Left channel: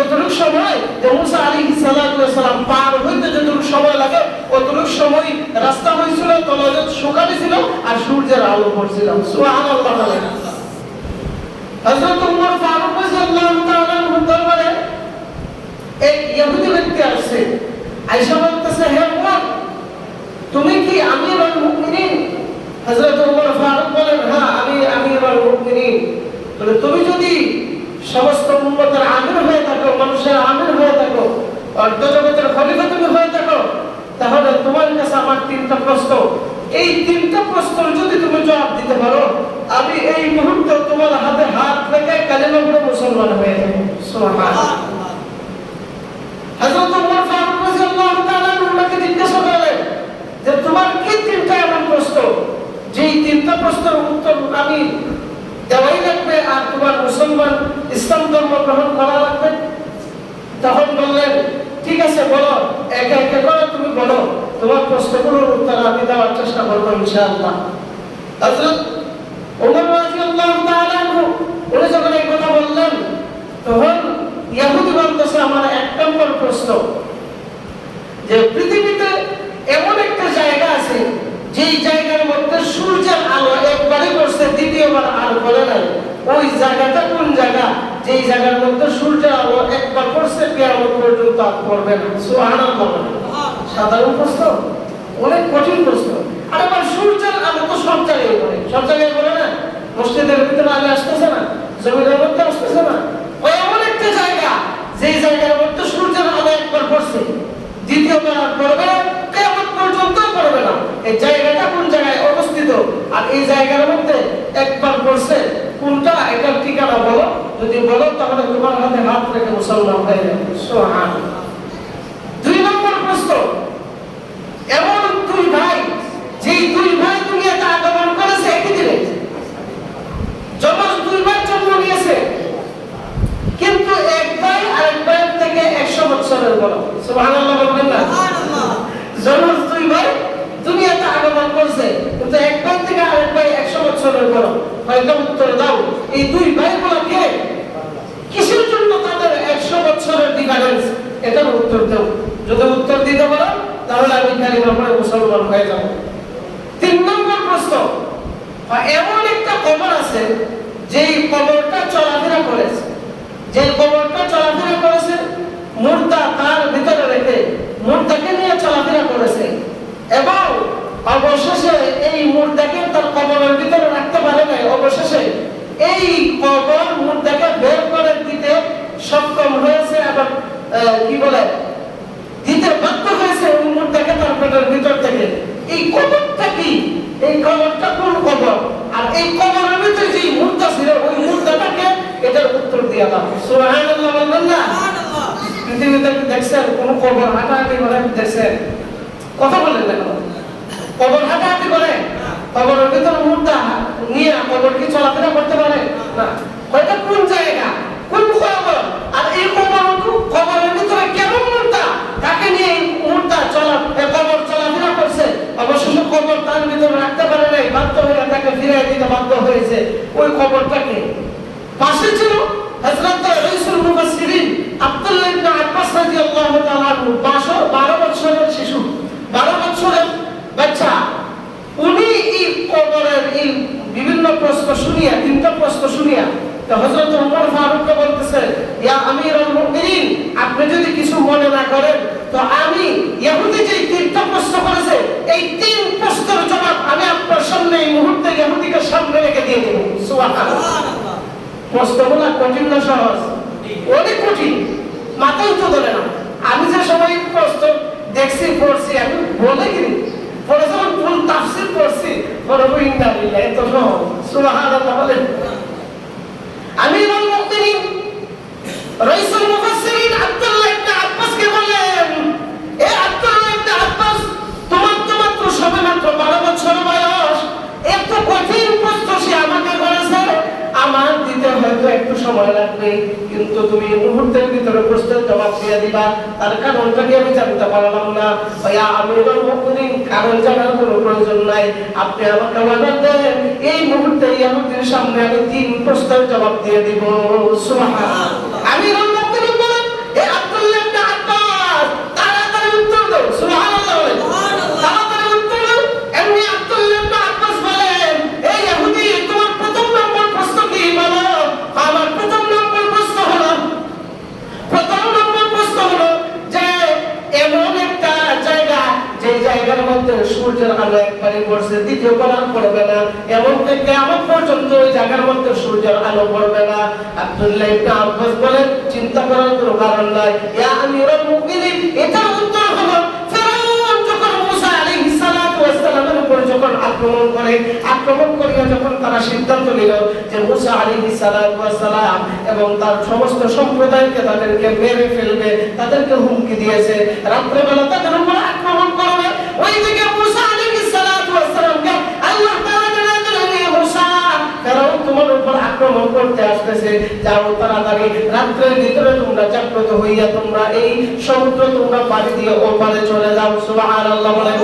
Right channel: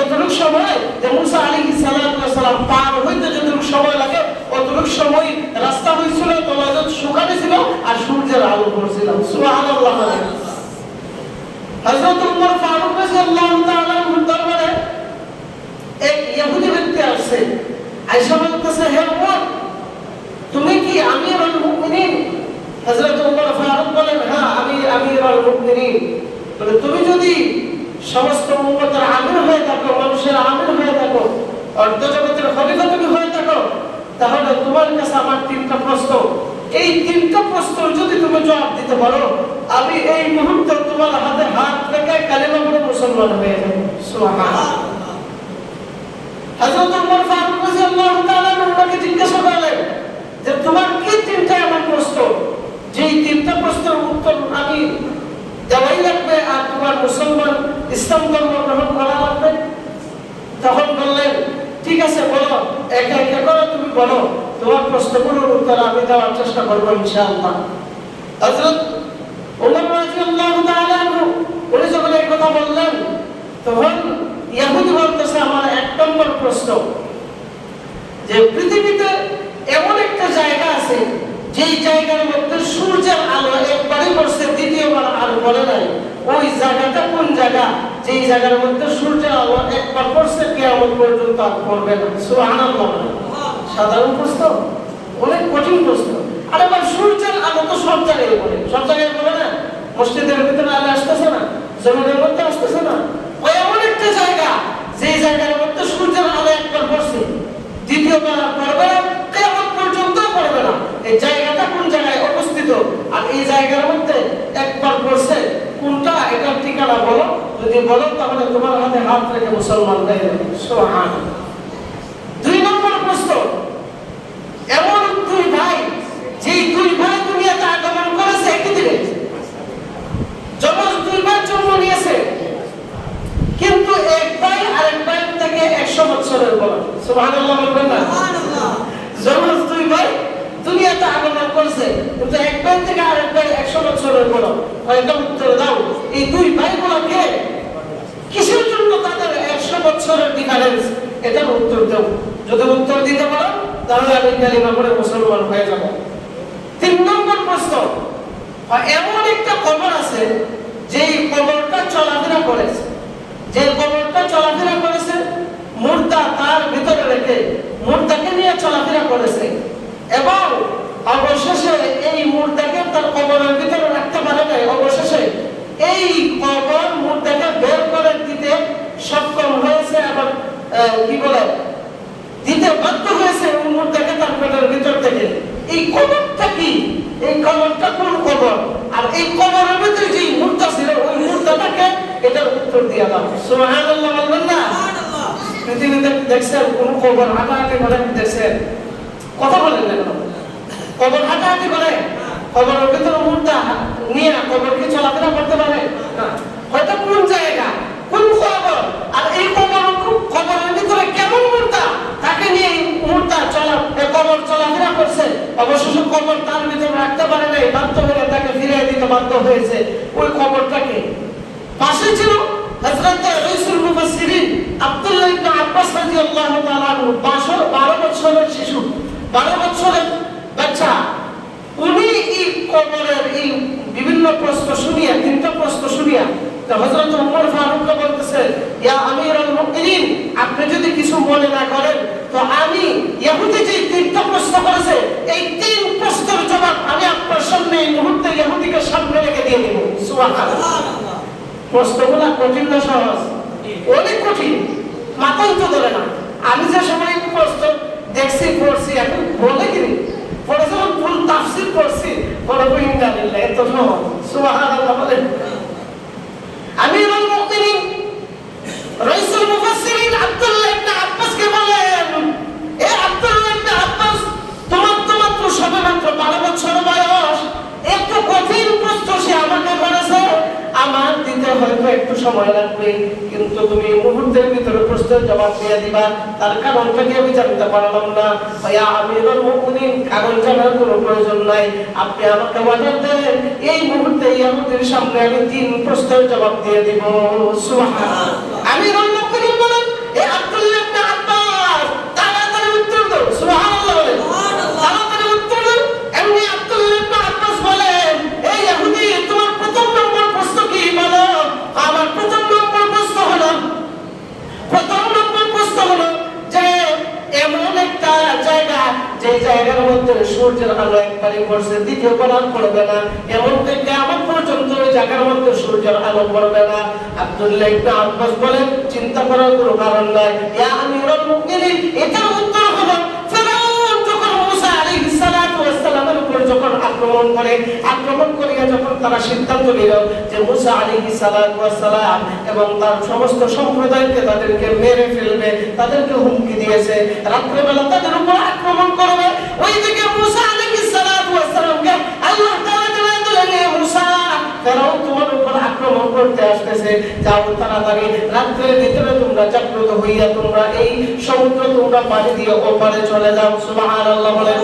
যতটুকু সময় যে মুসা আলাইহিস সালাম পার হইতে যতটুকু সময় লাগে অতটুকু সময় রাস্তা হয়েছিল, তলাজত শুকানো ছিল আর সূর্যের আলো পড়ছিল। সুবহানাল্লাহ। হযরত উমর ফারুক রাদিয়াল্লাহু তাআলা দরবারে এক ইহুদি ব্যক্তি আসে, আয়েশা বলতেছে, হে উমর, তুমি কি আমিরুল মুমিনিন? হযরত উমর ফারুক বলেন, হ্যাঁ আমি আমিরুল মুমিনিন। বলে, তুমি যদি সমস্ত উম্মতের আমির হয়ে থাকো, মানুষের আমির হয়ে থাকো, অর্ধ জগতের খলিফা তুমি হয়ে থাকো, তাহলে তোমার কাছে আমার তিনটা প্রশ্ন। এই তিনটা প্রশ্নের যদি তুমি জবাব দিতে পারো, আমি এই মুহূর্তে তোমার হাতে হাত রেখে কালেমা পড়ে মুসলমান হয়ে যাব। সুবহানাল্লাহ। হযরত উমর ফারুক রাদিয়াল্লাহু তাআলা ওনাকে জিজ্ঞাসা করলেন যে তোমার কি তিনটা এমন প্রশ্ন যেই তিনটা প্রশ্নের উত্তর আমি দেওয়াই লাগবে আর তোমার মুসলমান ইসলাম ধর্ম গ্রহণ করা লাগবে? তখন বললেন, ঠিক আছে বলো, একা একা করে তুমি বলো, তোমার প্রশ্নগুলোর উত্তর আমি দেওয়ার চেষ্টা করবো ইনশাআল্লাহ। হযরত ওমর রাদিয়াল্লাহু তাআলা উনি যখন এই কথা বললেন, তখন ইহুদি বলতেছে, আমার এক নম্বর প্রশ্ন যে পৃথিবীতে এমন একটা জায়গা আছে যেই জায়গার মধ্যে সূর্যের আলো একবারই পড়ছে, দ্বিতীয়বার আর পড়ে নাই। ওই জায়গাটা কোন জায়গা? যেই জায়গার মধ্যে সূর্যের আলো একবার পড়ছে, কিয়ামত পর্যন্ত আর পড়বে না। সুবহানাল্লাহ। সাধারণ প্রশ্ন, অনেক কঠিন প্রশ্ন। আর এবার সূর্যের আলো তো সব জায়গায় পড়ে, সব জায়গায় পড়ে না। মসজিদের ভিতরে আলো আসতেছে না, জমিনের মধ্যে আসতেছে না। ওই এমন একটা জায়গা যেই জায়গার মধ্যে সূর্যের আলো একবার পড়ছে, দ্বিতীয়বার আর পড়বে না, কিয়ামত পর্যন্ত পড়বে না। এই জায়গাটা কোন জায়গায় অবস্থিত? আর এই জায়গার মধ্যে একবার পড়ছে কোনটা, এটার ঠিকানা বলো। যদি বলো তাহলে তোমার হাতে হাত রেখে মুসলমান হয়ে যাবে। সুবহানাল্লাহ। দুই নম্বর প্রশ্ন, এমন দুই ভাই, যেই দুই ভাই দুনিয়াতে আগমন করেছে একই দিনে, যমজ দুই ভাই জন্ম নিয়েছে, কিন্তু এক ভাই আরেক ভাইয়ের থেকে 100 বছরের বড়। সুবহানাল্লাহ বলবেন না? সুবহানাল্লাহ। যমজ দুই ভাই দুনিয়াতে আগমন করেছে, কিন্তু এক ভাই থেকে আরেক ভাই 100 বছরের বড়। হয়তো উত্তর দাও, এই দুই ভাই গুলোকে কিসের জন্য তাদের 100 বছরের ডিফারেন্স, এটার উত্তর দাও। যদি উত্তর দিতে পারো তাহলে আমি কালিমা পড়ে মুসলমান হয়ে যাব। তিন নম্বর প্রশ্ন, এমন একটা কবর আছে যেই কবরটা চলাফেরা করেছে, যে কবরটা চলাফেরা করেছে, মুর্দা তার ভিতরে রেখে মুর্দাকে নিয়ে চলাফেরা করেছে, এবং অবশেষে এই মুর্দাকে তার কবরের ভিতরে রাখতে পারে নাই। অবশেষে এই কবর মুর্দাকে বের করে দিতে সক্ষম হয়েছে এবং কি বলে দিতে বাধ্য হয়েছে ওই মুর্দাকে তার পেটের ভিতর থেকে। এই কবরটা কি? এই কবরটা কোন কবর? আর এই কবরের ভিতরে যে মুর্দা ছিল, ওই মুর্দাটাকে, এটার উত্তর দিয়ে দাও। সুবহানাল্লাহ বলবেন না? সুবহানাল্লাহ। পৃথিবীতে দেখছেন কোন কবর হাঁটাহাঁটি করে? দেখছেন? কথা বলেন না কেন? কবর হাঁটাহাঁটি করে? কবরের ভিতরে মুর্দা নিয়ে কবর কি চলাফেরা করতে পারে না? ওটা কোন জায়গা, কোন কবর? আর এই কবরের ভিতরে কেমন মুর্দা, তাকে নিয়ে মুর্দা কবর চলাফেরা করছে, অবশেষে কবর তার ভিতরে রাখতে পারে নাই, বাধ্য হয়ে তাকে ফিরিয়ে দিতে বাধ্য হয়েছে। ওই কবরটাকে পাশে ছিল হযরত রাইসুল মুফাসসিরিন আব্দুল্লাহ ইবনে আব্বাস রাদিয়াল্লাহু তাআলা আনহু, 12 বছরের শিশু, 12 বছরের বাচ্চা। উনি এই কবরের এই বিভিন্ন প্রশ্ন শুনিয়া, তিনটা প্রশ্ন শুনিয়া, তো হযরত ওমর ফারুককে বলতেছে, ইয়া আমিরুল মুমিনিন, আপনি যদি কিছু মনে না করেন তো আমি ইহুদি যে তিনটা প্রশ্ন করেছে, এই তিন প্রশ্নের জবাব আমি আপনার সামনে এই মুহূর্তে ইহুদিকে সামনে রেখে দিয়ে দেব। সুবহানাল্লাহ। প্রশ্নগুলো কঠিন না সহজ? অনেক কঠিন, মাথায় তো ধরে না। আমি যে সময় প্রশ্ন দেখছি, পড়ছি, আমি বলে গেলি পরে যখন ফুল তাফসীর পড়ছি, পরে ইন্নালিল্লাহ, এত সহজ। সুবহানাল্লাহ বলেন। আমিরুল মুমিনিন রাইসুল মুফাসসিরিন আব্দুল্লাহ ইবনে আব্বাসকে বলেন, এ আব্দুল্লাহ ইবনে আব্বাস, তোমার তো মাত্র সবেমাত্র 12 বছর বয়স, এত কঠিন প্রশ্ন সে আমাকে করেছে, আমার দিতে হয়তো একটু সময় লাগবে, কিন্তু তুমি মুহূর্তের ভিতরে প্রশ্নের জবাব দিয়ে দিবা। তার কারণটা কি আমি জানতে পারলাম না। ইয়া আমিরুল মুমিনিন, কারণ জানার কোনো প্রয়োজন নাই, আপনি আমাকে অর্ডার দেন, এই মুহূর্তে ইহুদির সামনে আমি 3 প্রশ্নের জবাব দিয়ে দিব। সুবহানাল্লাহ। আমিরুল মুমিনিন বলেন, যে জায়গার মধ্যে সূর্যের আলো একবারে পড়ছে দ্বিতীয়বার আর পড়বে না, এমনকি কিয়ামত পর্যন্ত ওই জায়গার মধ্যে সূর্যের আলো পড়বে না। আব্দুল্লাহ ইবনে আব্বাস বলেন, চিন্তা করার কোনো কারণ নাই। ইয়া আমিরুল মুমিনিন, এটার উত্তর হলো ফেরাউন যখন মুসা আলাইহিস সালাতু ওয়াস সালামের উপর যখন আক্রমণ করিয়া যখন তারা সিদ্ধান্ত নিল যে মুসা আলাইহিস সালাতু ওয়াস সালাম এবং তার সমস্ত সম্প্রদায়কে তাদেরকে মেরে ফেলবে, তাদেরকে হুমকি দিয়েছে, রাত্রেবেলা তাদের উপর আক্রমণ করবে। ওইদিকে মুসা আলাইহিস সালাতু ওয়াস সালামকে আল্লাহ তাআলা জানিয়ে দিলেন, হে মুসা, ফেরাউন তোমার উপর আক্রমণ করতে আসতেছে, যাও তাড়াতাড়ি রাত্রের ভিতরে তোমরা জাগ্রত হইয়া তোমরা এই সমুদ্র তোমরা পাড়ি দিয়ে ওপারে চলে যাও। সুবহানাল্লাহ বলেন।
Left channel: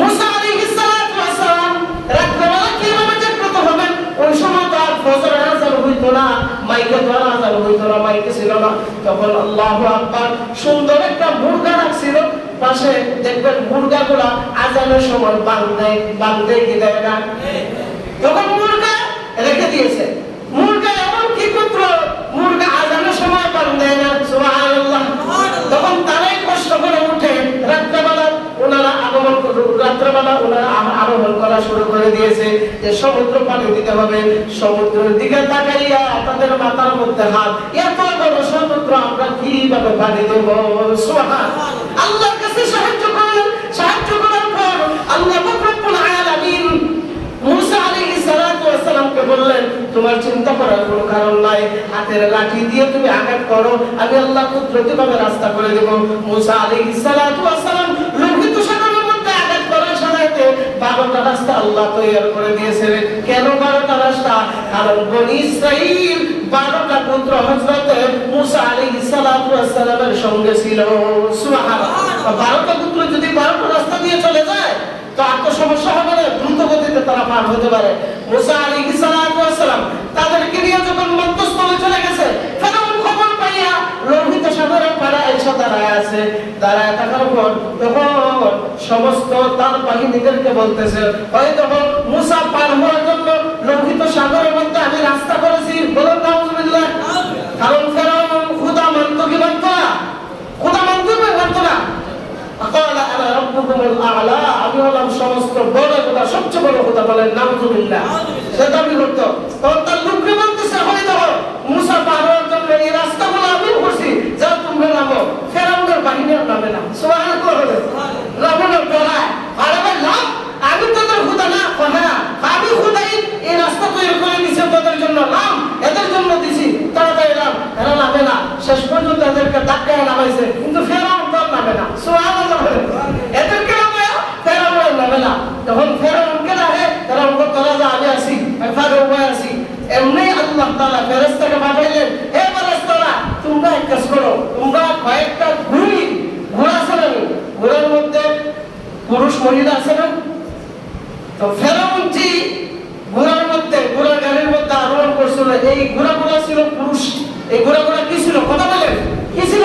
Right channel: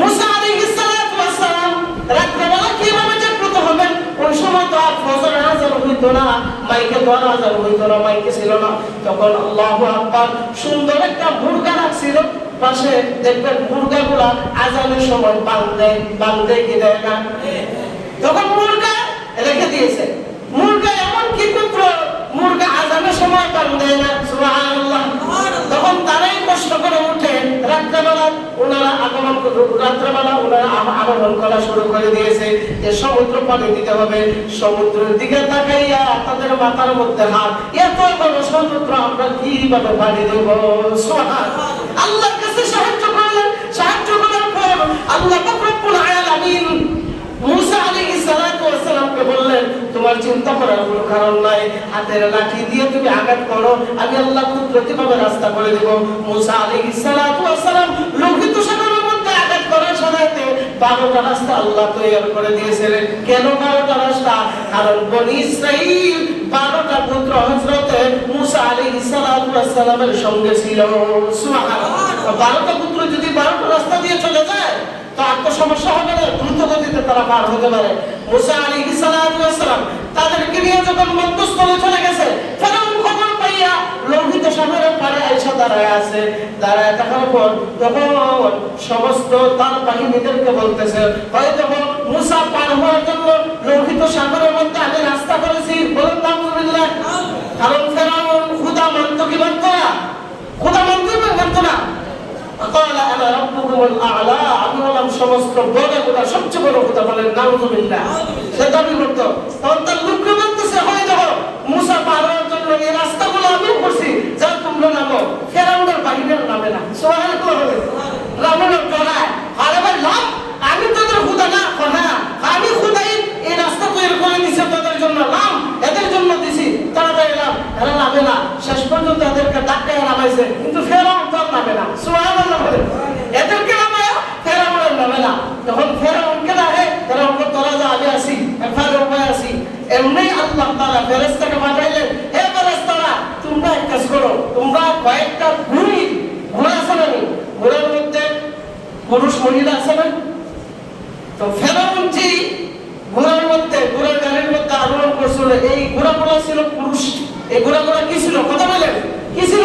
মুসা আলাইহিস সালাতু ওয়াস সালাম রাত্রেবেলা কিভাবে জাগ্রত হবেন? ওই সময় তো আর ফজর আযান হইতো না, মাইকে তো আযান হইতো না, মাইকে ছিল না। তখন আল্লাহু আকবার সুন্দর একটা মুরগা ডাকছিল পাশে, দেখবেন মুরগাগুলা আযানের সময় বাঁধে কি দেয় না, তখন মুরগা রেখে দিয়েছে। মুরগা এমন কি পুত্র, মুরগা আযানের সময় বাঁধে না। সুবহানাল্লাহ। তখন তারাই কষ্ট করে উঠে রাত্রেবেলা ওনারা আরোহণ করা শুরু করে দিয়েছে যে সমুদ্র পাড়ি দিতে হবে। সমুদ্রের দিকে তাকাইয়া তাদের মাথার মধ্যে হাত, এত বড় সমুদ্র আমরা কিভাবে পাড়ি দেব? সুবহানাল্লাহ। আল্লাহর কাছে সাহায্য করলেন, সাহায্য করার পর আল্লাহ রব্বুল আলামিন মুসা আলাইহিস সালাতু ওয়াস সালামকে বললেন, তোমার চিন্তা করার কোনো কারণ নাই, হাতের লাঠি দিয়ে তুমি আঘাত করো, আমি আল্লাহ কুদরতিভাবে রাস্তা করে দেব। মুসা আলাইহিস সালাতু ওয়াস সালাম লোহিত সাগরের মধ্যে আঘাত করার সাথে 12টা রাস্তা আল্লাহ তৈরি করে দিয়েছিলেন। কেন 12টা রাস্তা? কারণ বনি ইসরাইল 12টা পুত্র হযরতে মুসা আলাইহিস সালাতু ওয়াস সালামের সঙ্গে ছিল। সুবহানাল্লাহ। 12টা পুত্র যদি 12টা রাস্তা দিয়ে চলে যায় তো আর তো সমস্যা হবে না, দ্রুত গতিতে তারা পার হতে পারে। মুসা আলাইহিস সালাতু ওয়াস সালাম তাদেরকে নিয়ে যখন মধ্যস্থলে চলে গেছে, ফেরাউন খবর পাইয়া লোহিত সাগরের পাড়ে এসে দাঁড়ায় আছে। দাঁড়ায় থাকার পর তখন সমস্ত তার বাহিনীদেরকে বলতেছে, হয়তো মুসা পার হওয়ার জন্য লোহিত সাগরের মধ্যে আমি রাস্তা করেছি। বলেন নাউজুবিল্লাহ। কারণ ফেরাউন খোদা মানত কি মানত না? খোদা মানত না। আকালা আনা রাব্বুকুমুল আ'লা, আমি হলাম সমস্ত বড় খোদা, সবচেয়ে বড় খোদা। বলেন নাউজুবিল্লাহ। সে দাবি করত। তখন তার লোকজন বলতেছে, হয় দেখো মুসা পার হওয়ার জন্য এই রাস্তাগুলো আমি করছি, যাও তোমরা নামো। ফেরাউনের বাহিনীর নামে না। সুবহানাল্লাহ। নামে না বলা, আরে ভাই নাম, আমি তোদের খোদা না? হ্যাঁ, আমি খোদাই, এই রাস্তা তৈরি করে দিয়েছি তোদের জন্য, নাম এদের জন্য দিছি, তারা এলাম, এরা নামে না। শেষ পর্যন্ত এদেরকে ডাকায় নামাইছে, কিন্তু ফেরাউন তো নামে না। সুবহানাল্লাহ। এদেরকে নামায় ফেরাউনের নামে না। তখন ফেরাউনকে ডাকে, ফেরাউন বলল, তোরা যা, আমি আসি, এখানে উপায় আসি। এমনি আল্লাহ তাআলা ফেরেশতাকে পাঠাইলেন, হে ফেরেশতারা, তোমরা এক কাজ করো, তোমরা কয়েকটা ঘোড়া আছে না, ঘোড়ার মধ্যে পুরুষ মহিলা আছে না? তো ফেরাউন যে ঘোড়ার মধ্যে, ঘোড়ার গাড়ির মধ্যে আরোহণ করছিল, এই ঘোড়াগুলো ছিল পুরুষ। এই ঘোড়াগুলো কি ছিল? কথা বলেন, কি ছিল?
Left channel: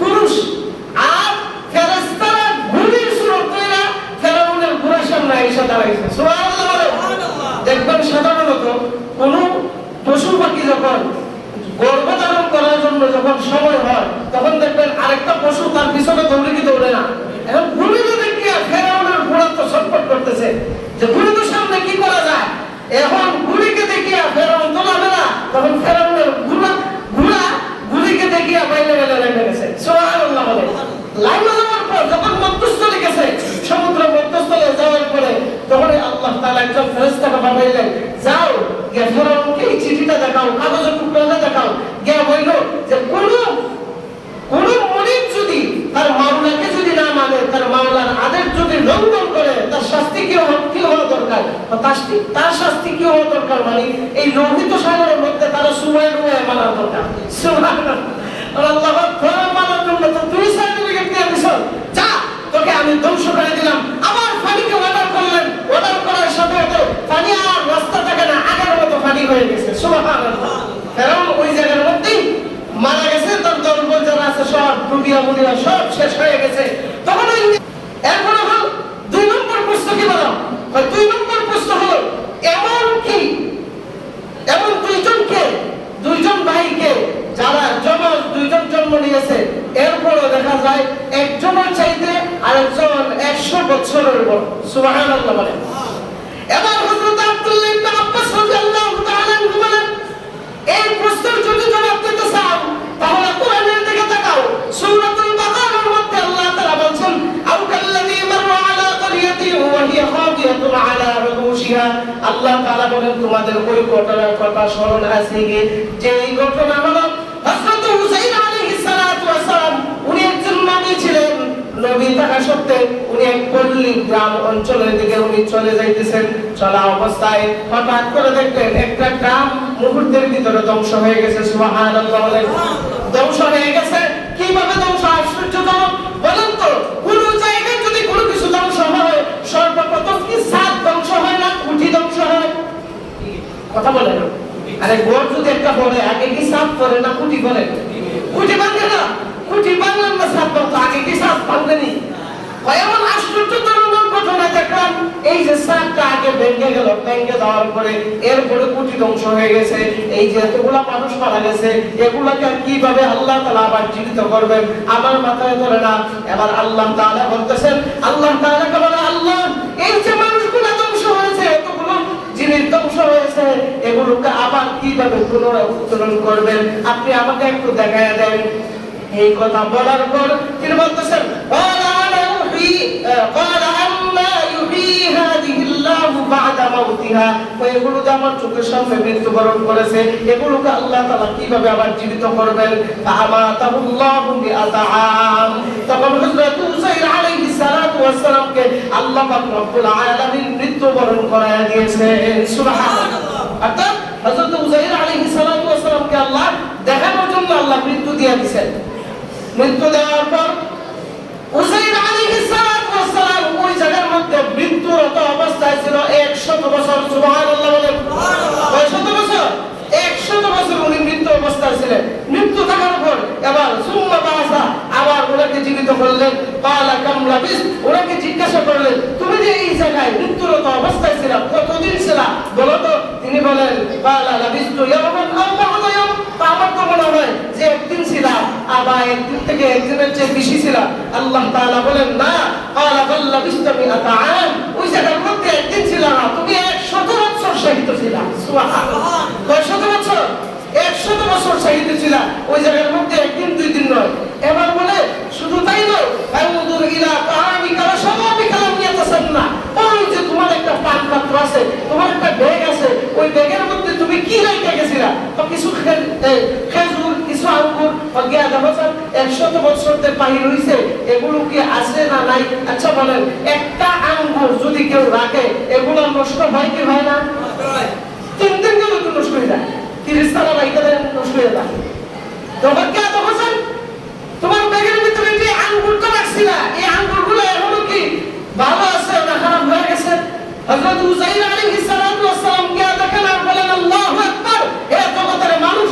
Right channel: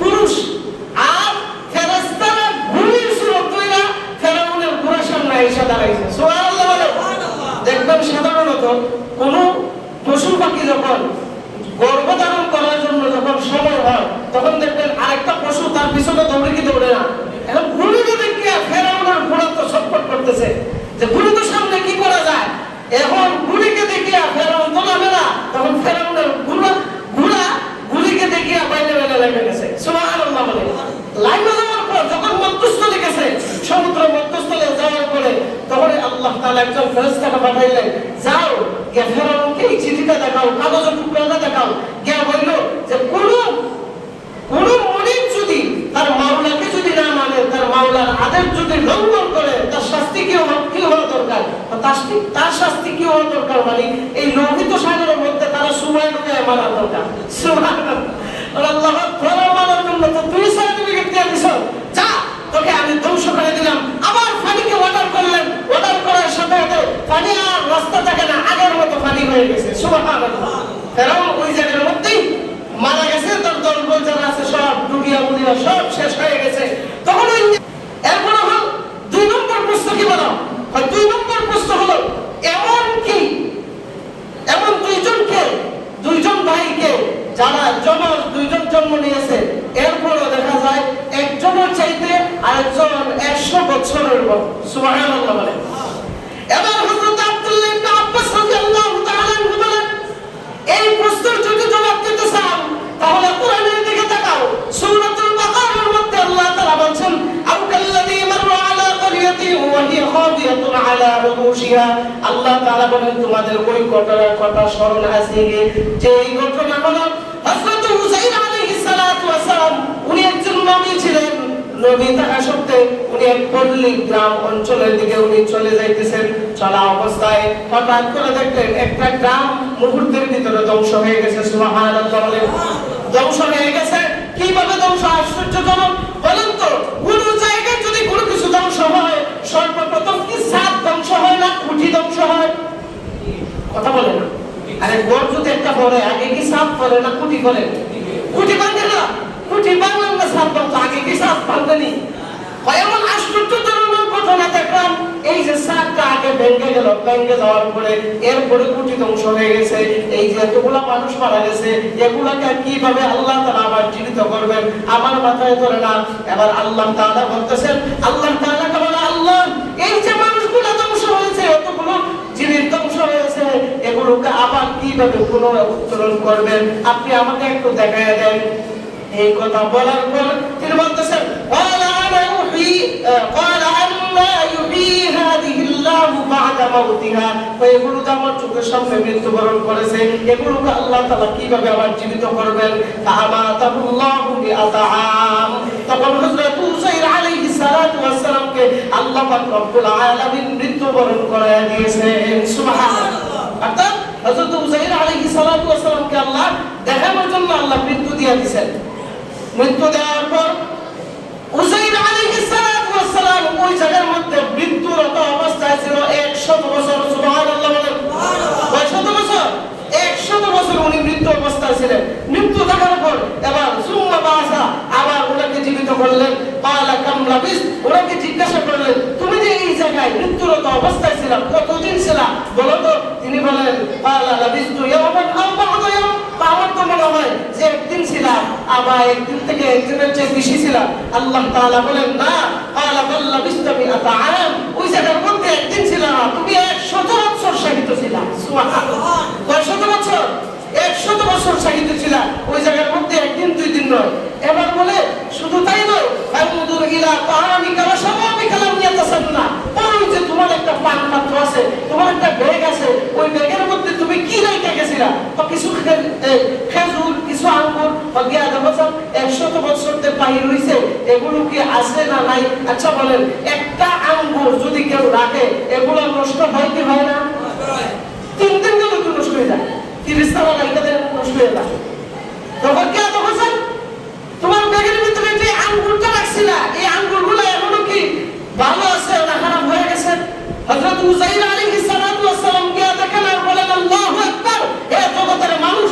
পুরুষ। আর ফেরেশতারা ঘুড়ি ছিল তৈরা, ফেরাউনের ঘোড়ার সামনে এসে দাঁড়াইছে। সুবহানাল্লাহ। দেখবেন সাধারণত কোন পশু পাখি যখন গর্ভধারণ করার জন্য যখন সময় হয়, তখন দেখবেন আরেকটা পশু তার পিছনে দৌড়ে কি দৌড়ে না। এখন ঘুড়িকে দেখে ফেরাউনের ঘোড়া তো ছটফট করতেছে যে ঘুড়ির সামনে কি করা যায়। এখন ঘুড়িকে দেখিয়া ফেরাউন তো নামে না, তখন ফেরাউনের ঘোড়া ঘুড়িকে দেখিয়া বাইরে লেগে গেছে। সুবহানাল্লাহ বলে। লাইনে যাওয়ার পর যখন মধ্যস্থলে গেছে, সমুদ্র মধ্যস্থলে যাওয়ার পরে তখন আল্লাহ তাআলা একজন ফেরেশতাকে পাঠাইলেন, যাও গিয়ে ফেরাউনকে এই চিঠিটা দেখাও, কাগজের টুকরাটা দেখাও। গিয়ে বলল যে কোন মুনিব যদি তার মাওলাকে যদি না মানে, তার মাওলার আদেশ যদি লঙ্ঘন করে, তার শাস্তি কি হওয়া দরকার? তার শাস্তি কি হওয়া দরকার? মানে এই লোহিত সাগরের মধ্যে তারা সময় মানার দরকার। সুবহানাল্লাহ। আল্লাহ ধরা মানার জন্য তো তুই সার্টিফিকেট দিয়ে দিছ, যা তোকে আমি ধ্বংস করে দিলাম। আবার পানিকে অর্ডার করলেন, অর্ডার করার সাথে সাথে পানি আর রাস্তা থাকে না, আগের মতো পানি হয়ে গেছে। সুবহানাল্লাহ। ফেরাউন ওই জায়গার মধ্যেই মারা গেছে, তার দলবল যারা আছে সব ডুবিয়া মুড়িয়া সব শেষ হয়ে গেছে। তখন এরপর হল 2 নম্বর প্রশ্ন কি বলো? 2 নম্বর প্রশ্ন হলো এমন দুইজন ভাইকে যারা দুইজন জন্ম নিয়েছে, এরপরও দেখা যায় একজনের চাইতে আর আরেকজন 100 বছরের বড়। সুবহানাল্লাহ বলেন। এবার হযরত আব্দুল্লাহ ইবনে আব্বাস রাদিয়াল্লাহু তাআলা আনহু বলেন, এই প্রশ্নের যদি জবাব দিতে চাও তাহলে কোরআনের দিকে তাকাও। সূরাতুল বাকারার মধ্যে আল্লাহ তাআলা বলেন, আও কাল্লাযী মাররা আলা ক্বরিয়াতিন ওয়া হিয়া খাবিয়াতুন আলা উরুশিহা। আল্লাহ তাআলা বলেন, তোমাদের ওই ঘটনার কথা স্মরণ আছে কি, যে এই ঘটনা হলো হযরত হুসাইন আলাইহিস সালাতু ওয়াস সালাম, উনি একজন নবী ছিলেন। নবী থাকা সত্ত্বেও উনি এক পল্লী গ্রাম অঞ্চলের দিকে উনি চলে যাইতেছেন। চলা অবস্থায় হঠাৎ করে দেখলেন একটা গ্রাম মুহূর্তের ভিতরে ধ্বংস হয়ে গেছে। সুবহানাল্লাহ বলেন। ধ্বংস হয়ে গেছে। কিভাবে ধ্বংস? আশ্চর্যজনক। বলেন তো, কোন জায়গায় যদি কোনো কিছু ধ্বংস হয়, সর্বপ্রথম কি ছাদ ধ্বংস হয় না খুঁটি ধ্বংস হয়? কথা বলেন। আরে ঘর যদি একটা পড়ে, আগে কি ছাদ পড়ে না খুঁটি পড়ে? খুঁটি ভাঙে না। খুঁটি ভাঙলেন না ছাদ ভাঙতো, আগে কি ছাদ ভাঙেনি? এমন আশ্চর্যজনক ঘটনা দেখলাম, এই যে ছাদটা আগে ভেঙে গেল, ভেঙে যাওয়ার পরে এরপরে খুঁটি ধ্বংস হয়ে গেছে। এই যে এতগুলা মানুষ মারা গেছে, এগুলাকে কিভাবে আল্লাহ তাআলা আবার জীবিত করবেন আমার মাথায় ধরে না। এবার আল্লাহ তাআলা বলতেছেন, আল্লাহ তাআলাকে বলে, আল্লাহ এই যে মানুষগুলো ধ্বংস হয়েছে, এতগুলো জিনিস ধ্বংস হয়েছে, এগুলোকে আবার কিভাবে পুনরুত্তোলন করবেন আপনি আমাকে একটু দেখায় দেন। এই কথা বলার পর তিনি বলতেছেন, ক্বালা আনা ইউহী ক্বালা আন্না ইউহী হাযিহিল্লাহু বা'দা মাউতিহা। এগুলো তো আমার চোখের সামনে মৃত্যুবরণ করেছে, এগুলোকে আল্লাহ তাআলা কিভাবে আবার জীবিত করবেন? ফাআমাতাহুল্লাহু বিআতআম। তখন হযরত হুসাইন আলাইহিস সালাতু ওয়াস সালামকে আল্লাহ পাক রব্বুল আলামিন মৃত্যুবরণ করায়া দিয়েছেন। সুবহানাল্লাহ। অর্থাৎ হযরত হুসাইন আলাইহিস সালাতু ওয়াস সালামকে আল্লাহ দেখানোর জন্য আল্লাহ মৃত্যু দিয়ে দিয়েছেন। মৃত্যু দেওয়ার পর হুসাইন আলাইহিস সালাতু ওয়াস সালাম ওই জায়গার মধ্যে মৃত্যুরত অবস্থায় ছিল 100 বছর। সুবহানাল্লাহ বলেন। কয় শত বছর? 100 বছর উনি মৃত্যু অবস্থায় ছিলেন। মৃত্যু দেখার পর এবার সুম্মা বাসা, আবার ওনাকে জীবিত করলেন। ক্বালা কাম লাবিস, ওনাকে জিজ্ঞাসা করলেন, তুমি যে এই জায়গায় মৃত্যুরত অবস্থায় ছিলা কতদিন ছিলা বলো তো? তিনি বলেন, ক্বালা লাবিসতু ইয়াওমান আও বা'দা ইয়াওম। আমার তো মনে হয় যে একদিন ছিলাম, আবার একদিন থেকে একদিনের চেয়ে বেশি ছিলাম। আল্লাহ তাআলা বলেন, না, ক্বালা বাল লাবিসতু মিআতা আম। ওই জায়গার মধ্যে একদিন ছিলা না, তুমি 100 বছর শাহিদ ছিলা। সুবহানাল্লাহ। কয় শত বছর? 100 বছর শাহিদ ছিলা, ওই জায়গার মধ্যে একদিন দুই দিন নয়। এবার বলে শুধু তাই নয়, ফায়ুদুর ইলা তাআমিকা ওয়া শারাবিকা লাম ইয়াতাসান্না। ওই যে তোমার একটা পান পাত্র আছে, তোমার একটা ব্যাগ আছে, ওই ব্যাগের মধ্যে তুমি কি রেখে গেছিলা? তো কিছু খেজুর, কিছু আঙ্গুর, গিয়া দেখো 100 বছর তে পানি রইছে, এগুলো কি আছে না নাই? আচ্ছা বলেন, একটা আঙ্গুর যদি কেউ রাখে, এগুলো নষ্ট হয় কি হয় না? 3 দিন গেলে তো নষ্ট হয়ে যায়। 30 সাল রাইখা দেন, নষ্ট হয়ে যায়। তখন কে দেখো তোমার ব্যাগের ভিতরে যে আঙ্গুরটা রাখছিলা, এই আঙ্গুরগুলো এখনো কি ভালো আছে না খারাপ হয়ে গেছে? হযরত হুসাইন আলাইহিস সালাতু ওয়াস সালাম কে দেখেন আর বলেন, আল্লাহু আকবার। এ জগতের মানুষ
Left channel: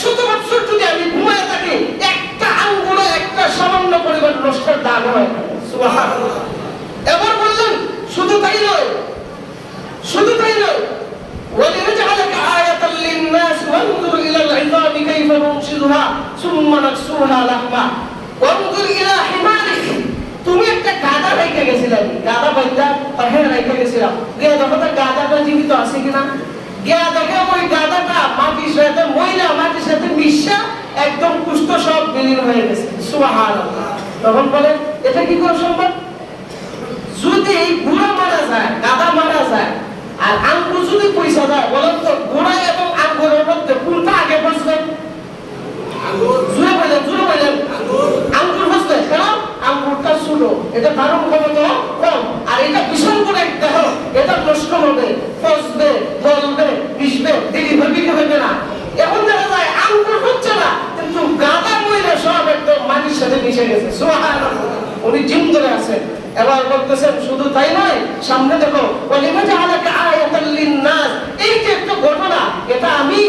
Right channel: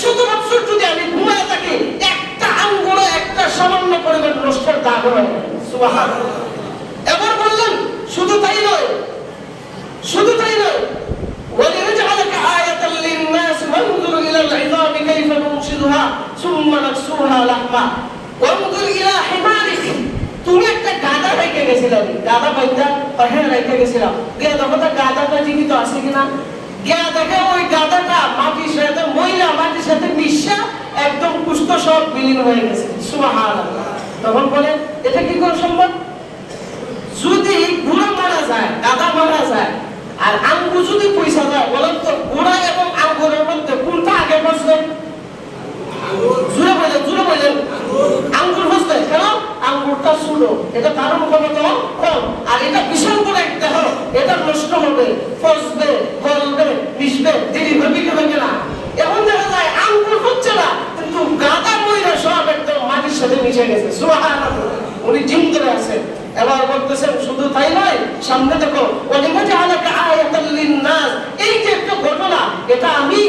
100 বছর যদি আমি ঘুমায় থাকি, একটা আঙ্গুরে একটা সামান্য পরিমাণ নষ্টের দাগ হয়। সুবহানাল্লাহ। এবার বললেন শুধু তাই নয়, শুধু তাই নয়, ওয়ালিনাজআলাকা আয়াতাল লিন-নাস ওয়ানজুর ইলাল ইযামি কাইফা নুনশিদুহা সুম্মা নাকসুহা লাহমা ওয়ানজুর ইলা হিমারিক। তুমি একটা গাধা রেখে গেছিলা, গাধা বাইন্দা পাহাড়ে রেখে গেছিলা, গিয়া দেখো তো গাধাটা জীবিত আছে কিনা। গিয়া দেখে ওই গাধাটা মাটির সাথে ময়লা, মাটির সাথে মিশা একদম কুষ্ঠ সব বিলীন হয়ে গেছে। সুবহানাল্লাহ। তখন বলে, এটা কি করে সম্ভব? যদি ঘোড়া মারা যায়, গাধা মারা যায়, আর আঙ্গুর যদি পয়সা যায়, বলেন তো ঘোড়া এবং আঙ্গুরের মধ্যে কোনটা আগে বসবে? জুড়ে বলেন আঙ্গুর বসবে। কেন? আঙ্গুরটা ছোট, এটা ধারণ ক্ষমতা কম, আর এটা বিশাল বড় একটা দেহ, এটা নষ্ট হবে, ফসবে, গলবে, মিশবে, দেরিভাবে কি হবে না। এখন দেখা যায় আঙ্গুর হচ্ছে না, কিন্তু গাদা ময়লা সব একদম মাটির সাথে মিশে গেছে। সুবহানাল্লাহ। উনি জিম ধরে আছেন। এবার বলতেছেন শুধু তাই নয়, সামনে দেখো, ওয়ালিনাজআলাকা আয়াতাল লিন-নাস। এই যে একটা ঘটনা, এটা আমি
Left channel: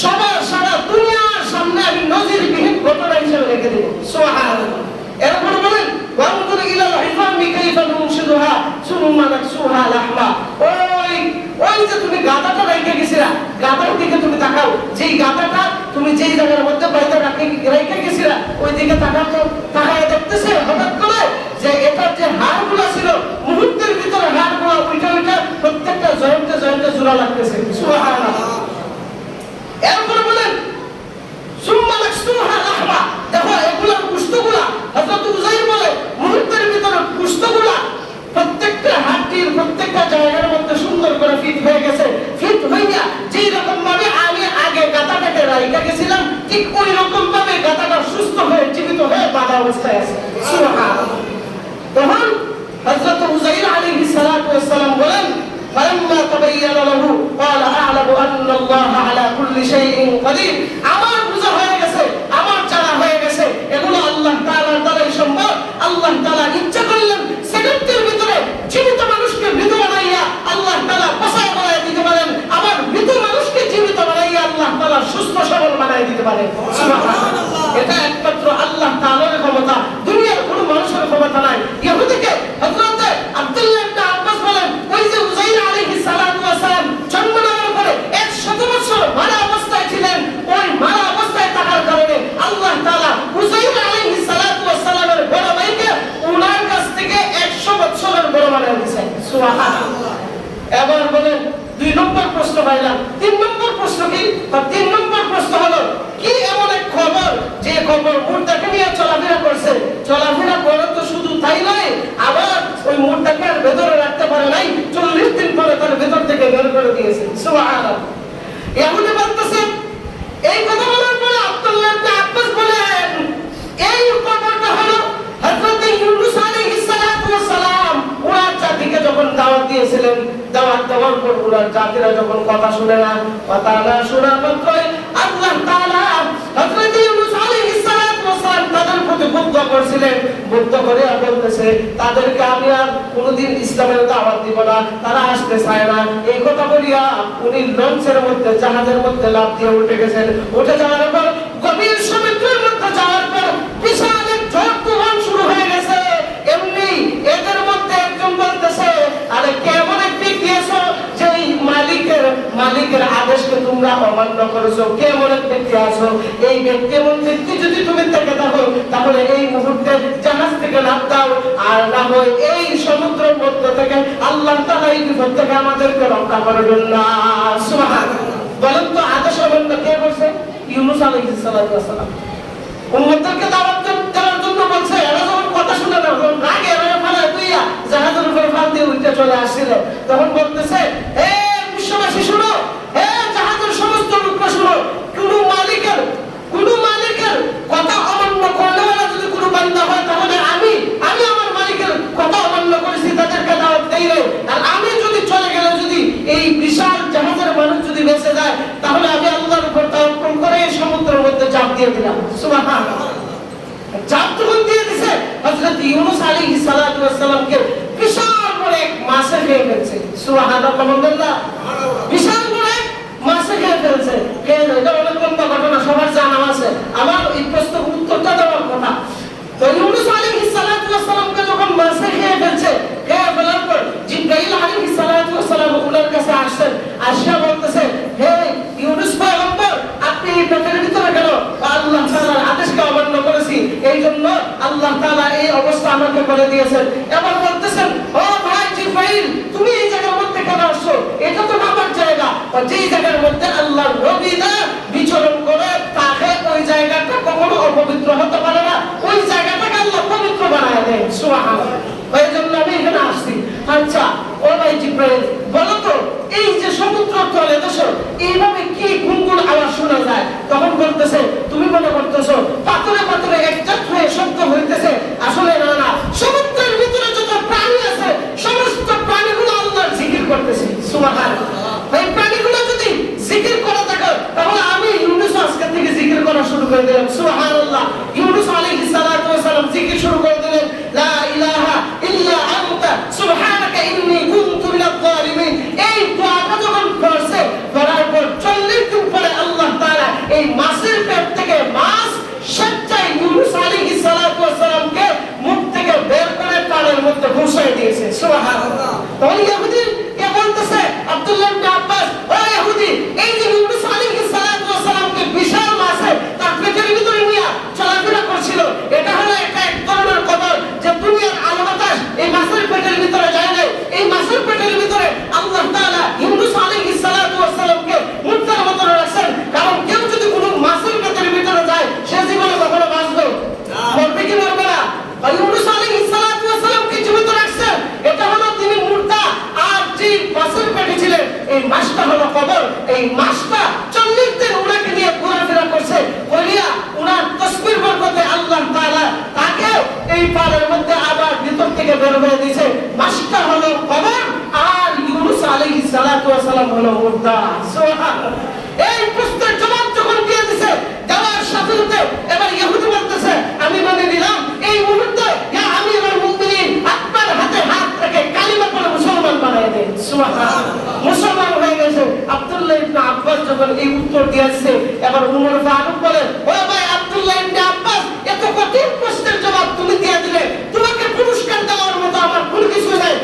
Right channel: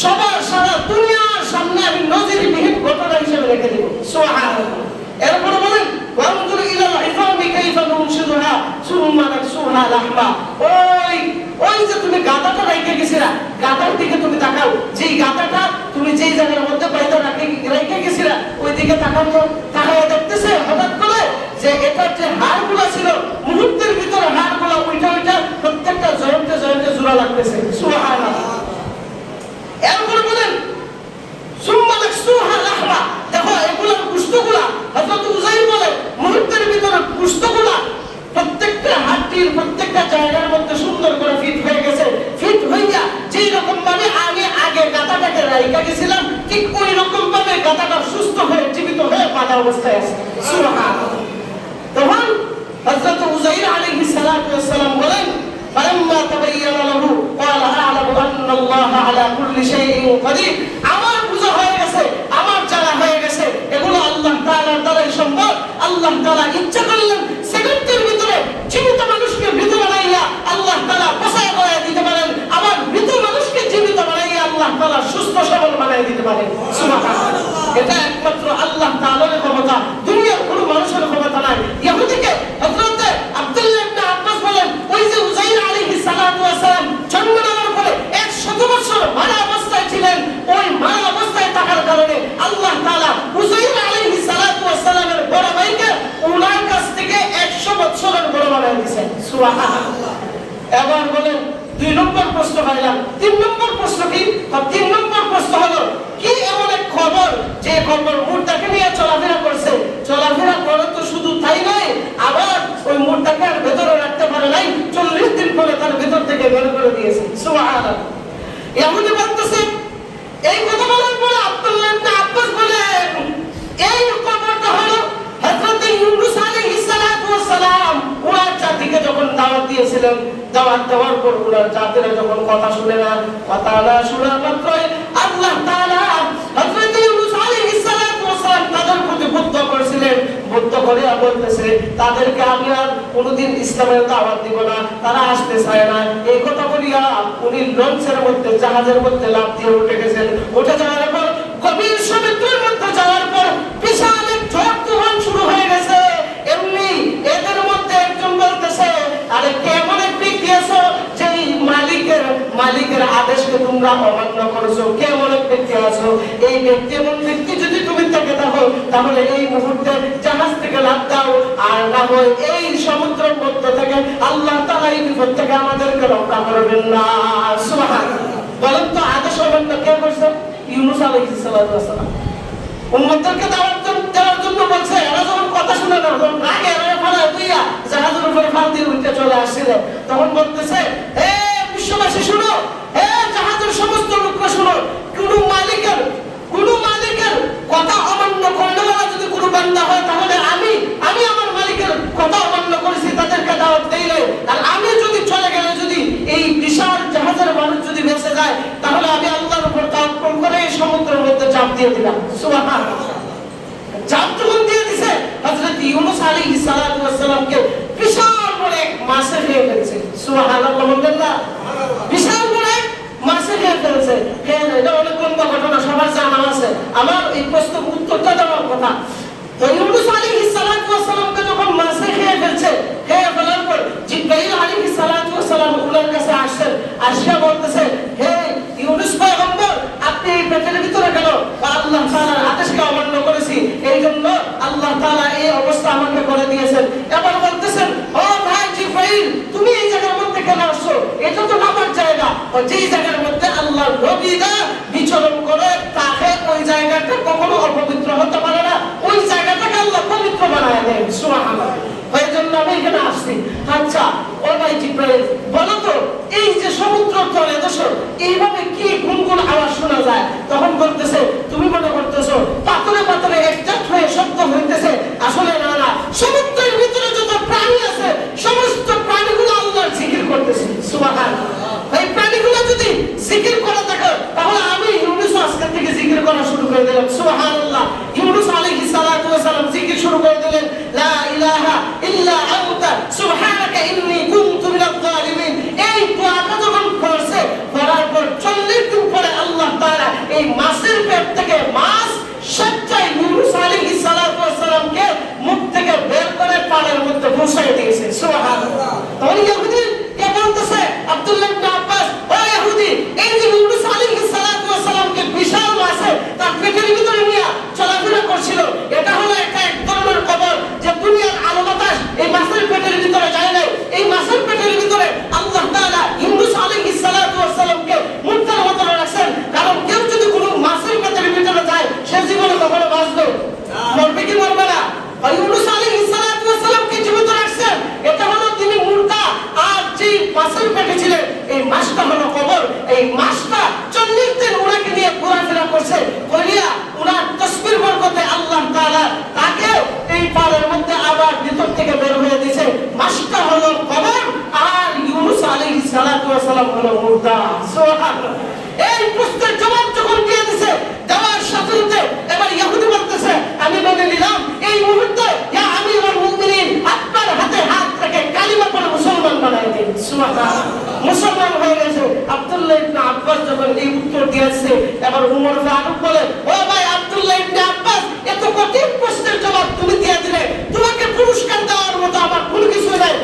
সবার সারা দুনিয়ার সামনে আমি নজিরবিহীন ঘটনা হিসেবে রেখে দেব। সুবহানাল্লাহ। এরপর বলেন, ওয়ানজুর ইলাল ইযামি কাইফা নুনশিদুহা সুম্মা নাকসুহা লাহমা। ওই যে তুমি গাধাটা রেখে গেছিলা, গাধার দিকে তুমি তাকাও। যেই গাধাটা তুমি যেই জায়গার মধ্যে বাইরে রেখে গেছিলা, ওই দিকে তাকাও তো। তাকায় দেখতেছে হঠাৎ করে যে এটা ভাবে গাধাটা সুস্থ হয়ে জীবিত হয়ে বাঁধা অবস্থায় আছে। সুবহানাল্লাহ। তখন হযরত উযাইর আলাইহিস সালাতু ওয়াস সালাম বলেন, ফালাম্মা তাবায়্যানা লাহু ক্বালা আ'লামু আন্না আল্লাহা আলা কুল্লি শাইইন কাদির। আমার বুঝা হয়ে গেছে, আমার জানা হয়ে গেছে, এগুলো আল্লাহ তাআলার দ্বারাই সম্ভব। আল্লাহ তাআলা ইচ্ছা করলেন সেকেন্ডের ভিতরে জীবিত মানুষকে মৃত বানাইয়া আল্লাহ তাআলা বাঁচায় বানায় দিতে পারেন, আবার মৃত মানুষকে জীবিত বানাইয়া আল্লাহ তাআলা সুস্থ সবল বানায় দিতে পারেন। সুবহানাল্লাহ। এটা একমাত্র আল্লাহ তাআলার ক্ষমতা, দুনিয়ার কোনো মানুষের ক্ষমতা নাই। ইহুদিকে হযরত আব্দুল্লাহ ইবনে আব্বাস বলেন, ওই যে উযাইর আলাইহিস সালাতু ওয়াস সালাম জন্ম নেওয়ার পরে 100 বছর মারা অবস্থায় ছিলেন, ওই মারা অবস্থায় থাকার কারণে আল্লাহ তাআলা উযাইর আলাইহিস সালাতু ওয়াস সালামের বড় ভাইকে ওনার কাছ থেকে 100 বছরের বড় বানায় দিয়েছেন। সুবহানাল্লাহ। এবার বলেন 2 নম্বর প্রশ্ন পাইলাম। 3 নম্বর প্রশ্ন কি? 3 নম্বর প্রশ্ন হলো, কি এমন এক খবর যে খবর মুর্দাকে নিয়ে চলাফেরা করছে, চলাফেরা করে তো শুধু তাই নয়, আবার ওই মুর্দাকে আর ভেতরে রাখতে পারে নাই, 40 দিন পরে তার ভেতর থেকে বের করে দিয়েছে। সুবহানাল্লাহ। ইহুদি বলতেছে, এই কথা বলার পরে আব্দুল্লাহ ইবনে আব্বাস বলেন, এই খবরটা হলো হযরত ইউনূস আলাইহিস সালাতু ওয়াস সালাম ওনার জাতিকে যখন দাওয়াত দিয়েছিলেন, দাওয়াত দেওয়ার পর ওনার জাতিরা যখন কথা শুনে না, কথা না শোনা মাত্রই আল্লাহ তাআলা হযরত ইউনূস আলাইহিস সালাতু ওয়াস সালাম তাদের প্রতি বুদ্ধ করেছিলেন। বুদ্ধ করে বলতেছে, তাদেরকে আমি আর কোনোদিন ইসলামের দাওয়াত দিব না, তারা আসতে চায় না। এই কথা বলিয়া উনি লঞ্চের মধ্যে, জাহাজের মধ্যে লাফ দিয়ে উঠে গেছেন। উঠে যাওয়ার পর গভীর সমুদ্রের মধ্যে যাওয়ার পর বিশাল এক ঝড় তুফান শুরু হয়ে গেছে। এমনি এদের মধ্যে একজন বলতেছে, আরে কেমন এক ব্যক্তি আছো যে মালিকের আদেশকে তোমরা অমান্য করেছো, কেমন এক ব্যক্তি আছো? এই ব্যক্তি এমন ব্যক্তি যদি তুমি থেকে থাকো তাহলে এই মুহূর্তে জাহাজ থেকে লাফ দাও, আর না হয় এই সমুদ্রের মধ্য থেকে আল্লাহ তাআলা এই বিপদ থেকে আমাদেরকে রক্ষা করবেন না। সুবহানাল্লাহ। বলেন তো আদেশ অমান্য কে করছে? ইউনূস আলাইহিস সালাতু ওয়াস সালাম। উম্মতকে দাওয়াত দেওয়ার জন্য বলছে, এরা যখন কথা শুনে না, রাগে এরা ফালা দিয়া জাহাজের উপরে ফাল দিয়ে উঠে চলে আসছিল। তখন বলতেছে, হে বিশ্ববাসী শুনো, হে জাহাজের সমস্ত লোকরা শুনো, কোন মালিকের কথা অমান্য করেনা যদি কোনো বান্দা হয়, তাহলে আমি আমার মালিকের কথা অমান্য করেছি, তাদেরকে দাওয়াত দেই নাই। আর আমি যদি চলে গেলে, যদি এই বিশাল জাহাজের মানুষ যদি বেঁচে যায়, তাহলে আমি আল্লাহর উপর তাওয়াক্কুল করে সমুদ্রের মধ্যে ঝাঁপ দিয়ে দিলাম। সুবহানাল্লাহ। ঝাঁপ যখন দিয়ে দিছে, হযরত ইউনূস আলাইহিস সালাতু ওয়াস সালামকে বিশাল বড় এক মাছে খেয়ে ফেলছে। সুবহানাল্লাহ। আলহামদুলিল্লাহ। বিশাল বড় এক মাছে খেয়ে ফেলছে। এটা অনেক লম্বা ঘটনা, সবার জানা আছে। আমার এই প্রশ্নের উত্তরটা দেওয়ার কথা। তো ইউনূস আলাইহিস সালাতু ওয়াস সালামকে যখন মাছে খেয়ে ফেলছে, খেয়ে ফেলার পর জিবরাইল আলাইহিস সালাতু ওয়াস সালাম ওনার কাছে আসছেন। আসিয়া বলতেছে, হে ইউনূস পয়গম্বর, আপনি এই পেটের ভিতরে কেন? আল্লাহ তাআলার আদেশকে অমান্য করেছি, এই জন্য আল্লাহ তাআলা এই অবস্থা আমাকে করে দিয়েছেন। এবার বলতেছেন, ও ভাই জিবরাইল, তুমি এই জায়গার মধ্যে কেন আসছো? এটা তো নামার জায়গা। যেই জায়গার মধ্যে আল্লাহর নবীরা বিচরণ করে তাকে ওই জায়গাটা কখনো অপবিত্র হতে পারে না, ওই জায়গাটাকে আল্লাহ পবিত্র বানায় দেন। সুবহানাল্লাহ। এই জন্য আমি এখানে আসছি। আচ্ছা ও ভাই জিবরাইল, বলো তো, এই যে সমুদ্র তলে দেশো, এইভাবে কি গুনগুন আওয়াজ শোনা যায়? তখন বলতেছে, তুমি মনে করতেছো পাথরে পাথরে একজাক্ট হয়ে শব্দ হইতেছে, আসলে না, সমুদ্রের ভিতরে যত প্রাণী আছে সমস্ত প্রাণীগুলো আল্লাহর জিকির করতেছে। সুবহানাল্লাহ। এই প্রাণীগুলো যদি জিকির করা থাকে, তাহলে আমি ইউনূস আজকে থেকে জিকির করা শুরু করে দিলাম। সুবহানাল্লাহ। ইউনূস আলাইহিস সালাতু ওয়াস সালাম জিকির শুরু করে দিলেন, লা ইলাহা ইল্লা আনতা সুবহানাকা ইন্নী কুনতু মিনাজ জালিমিন। এই দোয়াটা যখন পড়ছে, পড়ার পর 40 দিন পরে আল্লাহ তাআলা এই মাছের পেট থেকে মাছ স্বেচ্ছায় ইউনূস আলাইহিস সালাতু ওয়াস সালামকে মুখ থেকে বের করে পানির মধ্যে বসায় দিয়েছে। সুবহানাল্লাহ। তখন ইহুদি কে বলতেছে, আব্দুল্লাহ ইবনে আব্বাস, ও ইহুদি, এই যে ইউনূস আলাইহিস সালাতু ওয়াস সালামকে বিশাল মাছে তার পেটের ভিতরে নিয়ে চলাফেরা করছিল, এটা হলো একটা এক ধরনের খবর যে দুনিয়ার আলো বাতাস এই মাছের পেটের ভিতরে যায় নাই। এই মাছের পেটের ভিতরে আল্লাহ তাআলা ইউনূস আলাইহিস সালাতু ওয়াস সালামকে মুর্দার মতো রাখছেন। কারণ কেউ যদি কোনো মাছের পেটের ভিতরে যায়, সে জীবনে কখনো বাঁচবে? মরবে কি মরবে না? আর ইউনূস আলাইহিস সালাতু ওয়াস সালামকে জীবিত রাখছেন, এটা হলো তিনি মুর্দা, আর যে মাছের পেটে ছিলেন এই থেকে বের হয়ে দিয়েছে, মাসটা হলো কবর আর ইউনূস আলাইহিস সালাতু ওয়াস সালাম হলো মুর্দা। সুবহানাল্লাহ। এই প্রশ্নের জবাব যখন দিয়ে দিয়েছে, দেওয়ার সাথে সাথে এবার ইহুদি বলতেছে আমি মেনে নিলাম। এই মুহূর্তে ইয়া আমিরুল মুমিনিন আপনার হাতে হাত রেখে কালিমা পড়ে মুসলমান বানাই দেন। সুবহানাল্লাহ। মুসলমান হয়ে গেছে। আব্দুল্লাহ ইবনে আব্বাস যখন এই উত্তর দিয়েছে, এবার উমর ফারুক বলে, ও ভাই আব্দুল্লাহ ইবনে আব্বাস, এত কঠিন প্রশ্নের জবাব তুমি দিয়ে দিলে, তোমাকে পুরস্কার দেওয়ার মতো আমার কোনো কিছু নাই।